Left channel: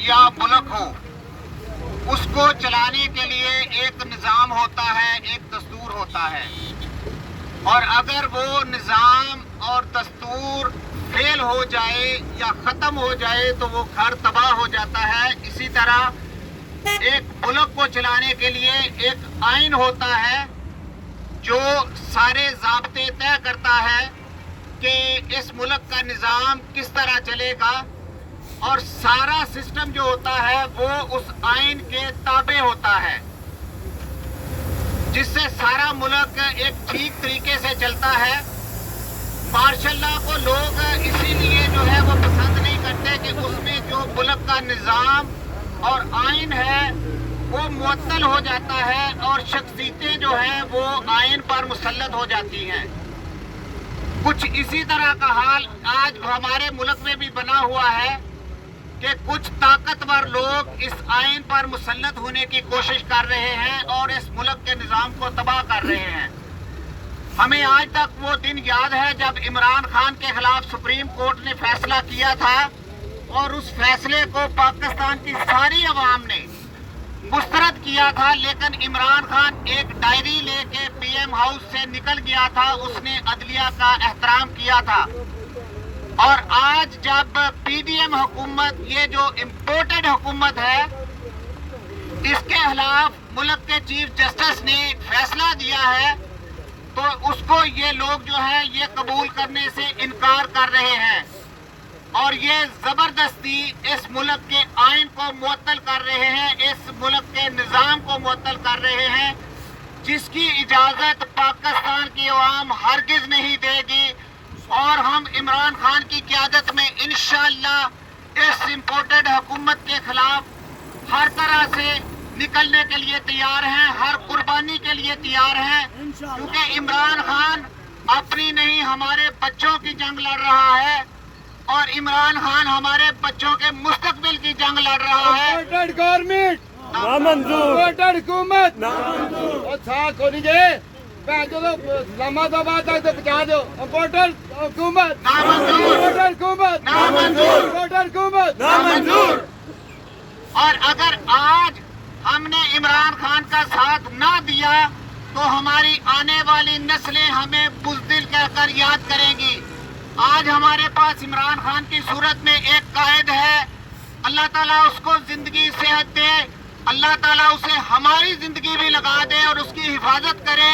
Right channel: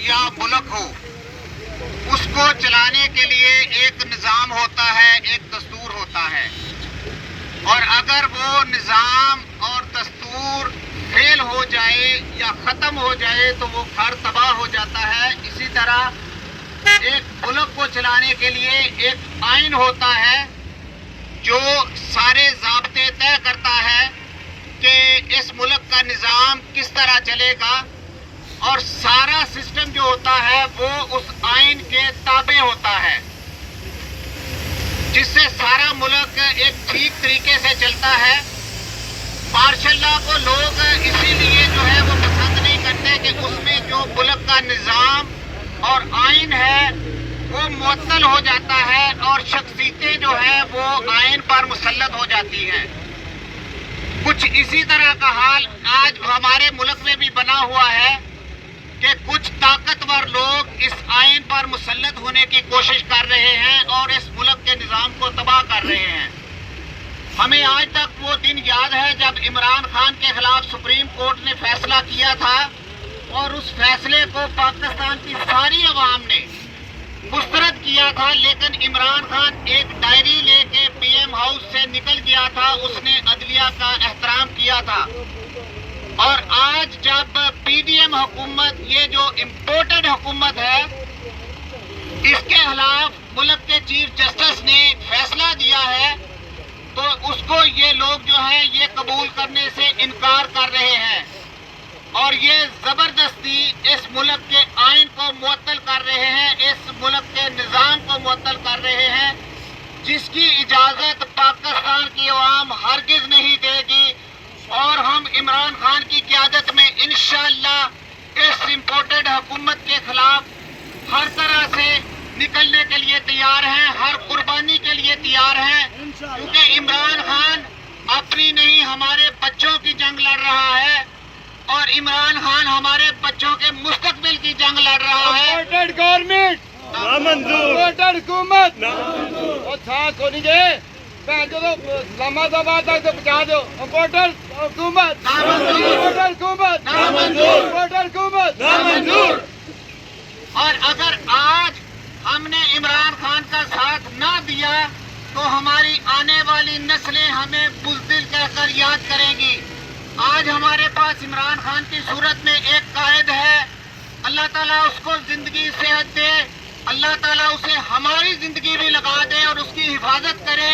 یا ملک ہو، اس کو چلانے کے لیے ایک نظام ہوتا ہے، ایک دستور ہوتا ہے، اور اگر وہ نظام اور دستور فیل ہو جائے یا ختم ہو جائے تو وہ گھر تباہ ہو جاتا ہے۔ اسی طرح ایک ملک کو چلانے کے لیے ایک آئین ہوتا ہے جو سارے ضابطے طے کرتا ہے کہ اس ملک کا نظام کس طرح چلے گا، اور سارا سسٹم جو ہوتا ہے وہ اس آئین کے تابع ہوتا ہے، جس سے سارا ملک ایک ٹھیک طریقے سے چلتا ہے۔ مارشل لا کو لوگ اسی لیے جو ہے وہ پسند نہیں کرتے کہ اس میں جو ملک کا نظام اور آئین ہے وہ معطل ہو جاتا ہے اور شخصیتیں جو ہیں وہ آئین پر مسلط ہو جاتی ہیں۔ کچھ اسی طرح کا حال آج ہمارے ملک میں بھی بنا ہوا ہے کہ کچھ طاقتور لوگ اس آئین پر مسلط ہونے کی کوشش کر رہے ہیں اور اس ملک کے نظام کو تباہ کر رہے ہیں۔ ہمیں آج تک وہ دن یاد ہے جب عمران خان کے خلاف سپریم کورٹ نے فیصلہ کیا تھا، اور اس فیصلے کو پاکستان کی ساری عوام نے مسترد کیا تھا، لیکن عمران خان ایک ڈائری لے کے پی ایم ہاؤس سے نکل گیا تھا، اس نے عدلیہ کا احترام کیا تھا۔ اور آج جب پی ڈی ایم حکومت، یہ جو امپورٹڈ حکومت ہے، اس کے خلاف ملک کے چیف جسٹس نے فیصلہ دیا ہے، تو اس کو یہ لوگ جو ہے یہ قبول کرنے سے انکار کر رہے ہیں، اور یہ زبردستی اس ملک کے آئین کو معطل کر رہے ہیں، اس ملک کے نظام کو معطل کر رہے ہیں، جس کی اجازت پاکستان کی عوام ہرگز نہیں دے گی۔ اور ہم عمران خان کی قیادت میں انشاءاللہ اس امپورٹڈ حکومت کے خلاف ہر طرح سے نکلنے کے لیے تیار ہیں، ہر قربانی کے لیے تیار ہیں، کیونکہ عمران خان اپنی نہیں ہمارے بچوں کی جنگ لڑ رہا ہے، اور عمران خان ہمارے بچوں کے مستقبل کی جنگ لڑ رہا ہے۔ امپورٹڈ گورنمنٹ نامنظور، امپورٹڈ حکومت نامنظور، اور ساتھ کو نہیں جائے جو اسلام آباد تک تو پہنچا دو۔ امپورٹڈ حکومت نامنظور، امپورٹڈ حکومت نامنظور، امپورٹڈ حکومت نامنظور۔ اور اگر آج ہم نے عمران خان کا ساتھ نہ دیا تو ہماری آنے والی نسلیں ہمیں بزدل کہہ کر یاد کریں گی۔ آج ہمارے پاس عمران خان کی صورت میں ایک قائد ہے، اللہ تعالیٰ اس کو زندگی صحت دے، اللہ تعالیٰ اسے ہماری زندگی بھی لگا دے اور اس کی حفاظت کرے،